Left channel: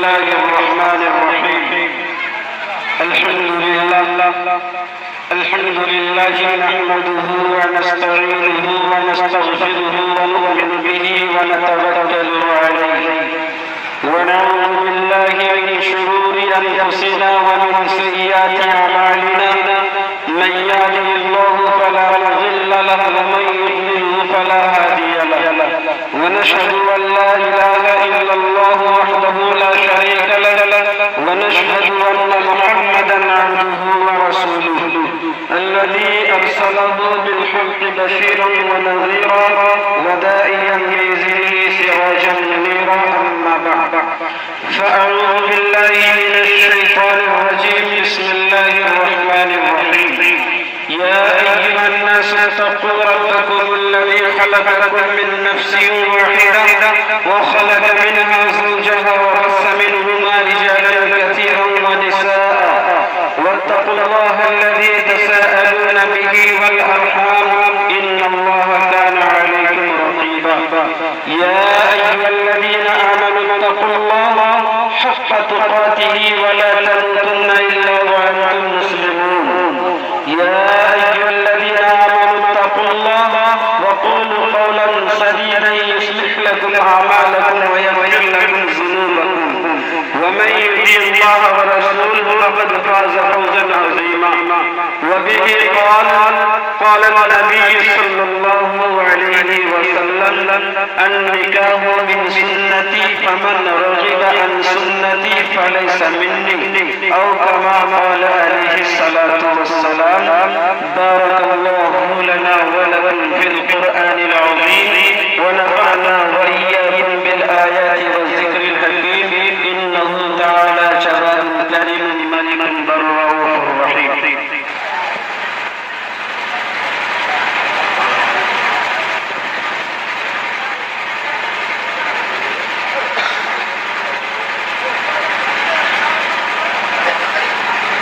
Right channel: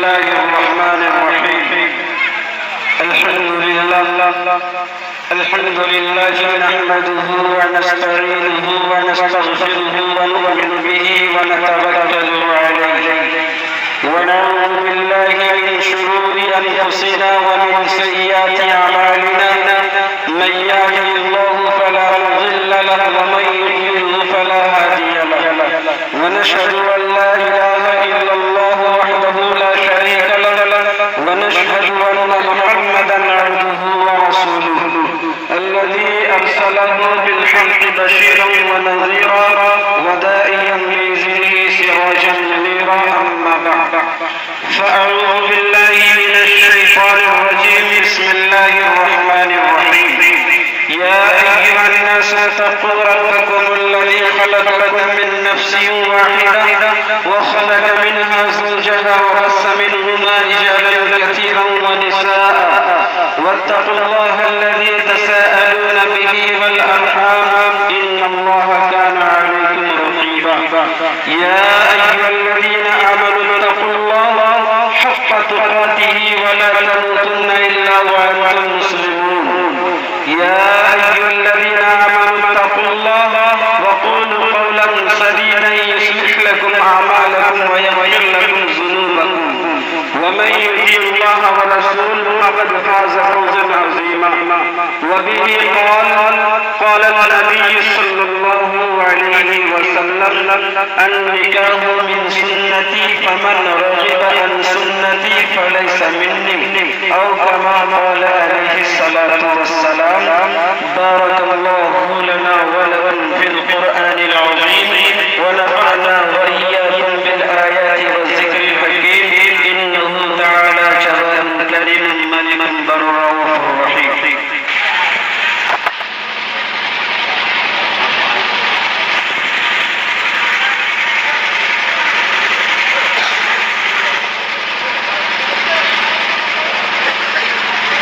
الله الرحمن الرحيم. الحمد لله نحمده ونستعينه ونستغفره ونؤمن به ونتوكل عليه ونعوذ بالله من شرور أنفسنا ومن سيئات أعمالنا. من يهده الله فلا مضل له ومن يضلل فلا هادي له. ونشهد أن لا إله إلا الله وحده لا شريك له ونشهد أن محمدا عبده ورسوله الذي أرسله بالحق بشيرا ونذيرا وداعيا بإذنه سراجا منيرا. أما بعد فأعوذ بالله من الشيطان الرجيم. بسم الله الرحمن الرحيم. يا أيها الناس اتقوا ربكم الذي خلقكم من نفس واحدة وخلق منها زوجها وبث منهما رجالا كثيرا ونساء واتقوا الله الذي تساءلون به والأرحام إن الله كان عليكم رقيبا. يا أيها الذين آمنوا اتقوا الله حق تقاته ولا تموتن إلا وأنتم مسلمون. يا أيها الذين آمنوا اتقوا الله وقولوا قولا سديدا يصلح لكم أعمالكم ويغفر لكم ذنوبكم ومن يطع الله ورسوله فقد فاز فوزا عظيما. وبه قال النبي صلى الله عليه وسلم النكاح من سنتي فمن رغب عن سنتي فليس مني أو كما قال عليه الصلاة والسلام. بارك الله لنا ولكم في القرآن العظيم ونفعنا وإياكم بالآيات والذكر الحكيم. إنه تعالى جواد كريم ملك بر رؤوف رحيم.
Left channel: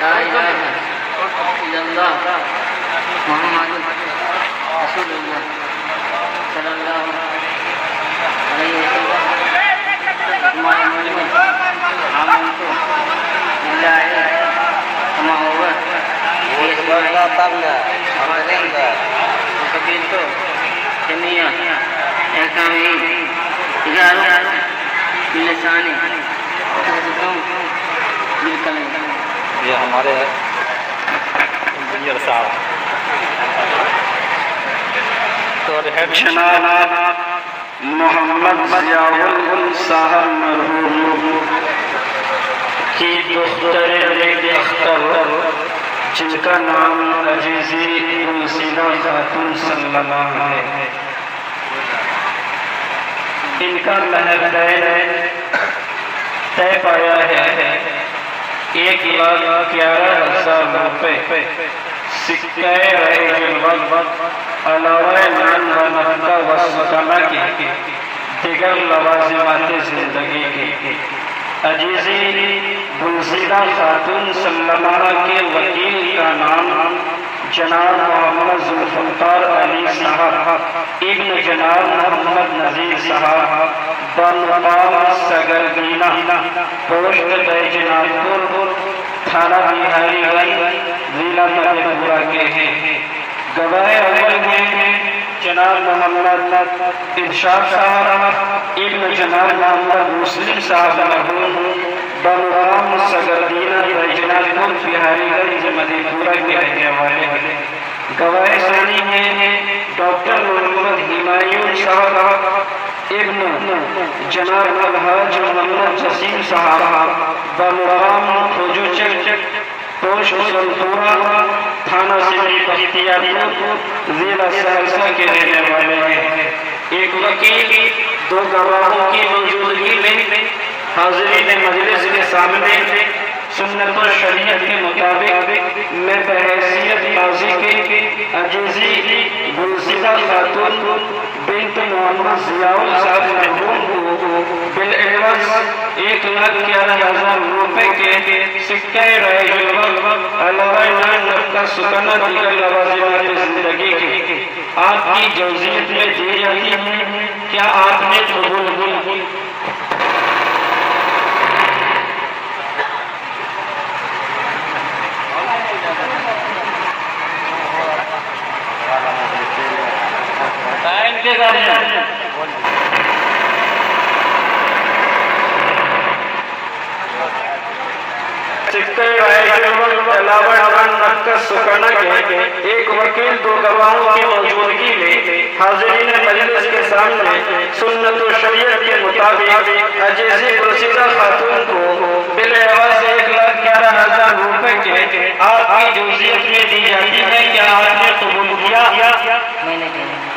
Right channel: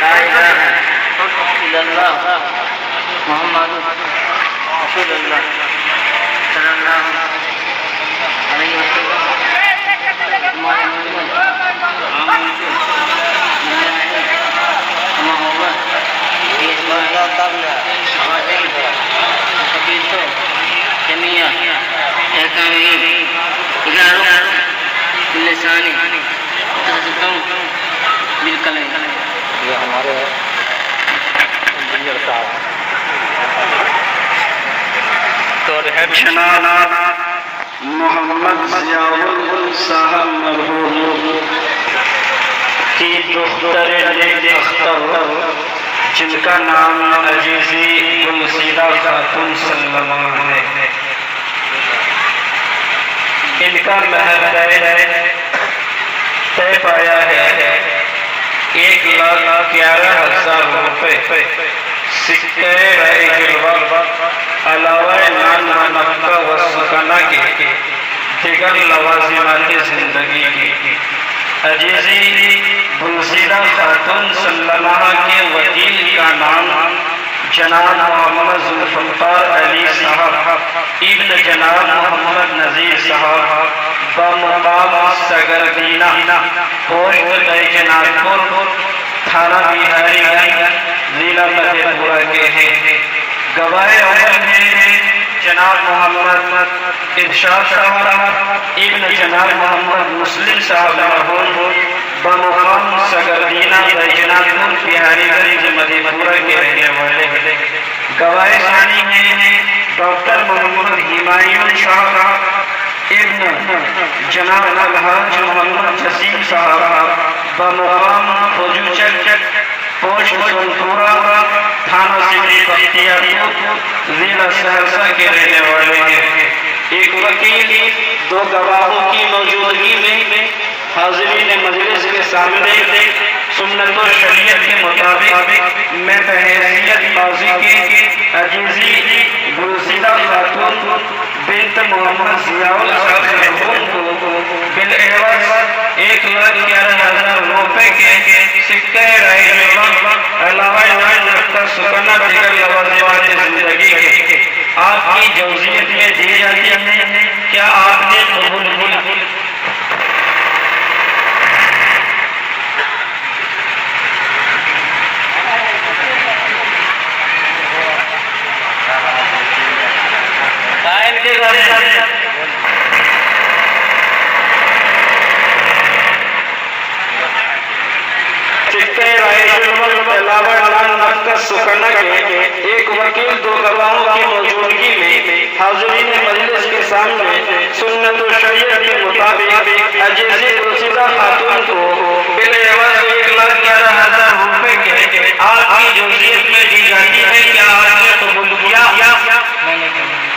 لا إله إلا الله محمد رسول الله صلى الله عليه وسلم. ہمارے ملک عام سے ملا ہے محبت آوازیں سبیل سے جمعیہ احکامی اجاروں لسانی حضرتوں بالکلم. یہ ہمارے انجینئر صاحب تو جناب محمد ضیاء الحق صاحب مرحوم کی دختر نیک اختر جن کا نام عزیزی گلسیدہ خاتون سلمہ ہے. ان کا مہر طے پایا ہے 1,11,000 روپے. سکہ جلوہ علاوہ نان و نفقہ و سکنہ کی دیگر لوازمات زندگی کی. عزیزی گلزیدہ خاتون سلمہ کے وکیل کا نام جناب محمد ذوالفقار علی صاحب ابن جناب محمد نذیر صاحب بمقام سگردینہ پوسٹ بیجنات پور تھانہ بہاری گنج ضلع فتح پورہ کے ہیں. گواہ اول ہیں جناب محمد ارشاد صاحب ابن جناب محمد مسلم صاحب مرحوم بمقام سگردینہ بیجنات پور بہاری گنج مدھے پورہ کے رہنے والے ہیں. گواہ ثانی ہیں ڈاکٹر محمد ہمایون صاحب ابن جناب الحاج محمد جسیم صاحب بمقام حجوچک پوسٹ سنپورہ تھانہ سٹی بختیارپور ضلع سہرسہ کے رہنے والے ہیں. ایک وکیل 2 گواہوں کی موجودگی میں حاضرین مجلس کے سامنے سنت و شریعت کے مطابق میں بحیثیت قاضی کے عزیزی گلزیدہ خاتون بنت محمد ضیاء الحق مرحوم کو بالعوض 1,11,000 روپے کے سکہ رائے جلوہ علاوہ انعام نقدہ سکنہ دیگر لوازمات زندگی کے آپ کی جوزیت میں دی جاتی ہیں، کیا آپ نے قبول کی؟ قائل کے گھر میں سکہ رائے جلوہ علاوہ انعام نقدہ سکنہ کے ایک وکیل 2 گواہوں کی موجودگی میں حاضرین مجلس کے سامنے سنت و شریعت کے مطابق عزیزی گلزیدہ خاتون کو بالعوض 1,11,000 روپے کے آپ کی جوزیت میں دی جاتی ہے، کیا آپ نے قبول کیا؟ میں نے کہا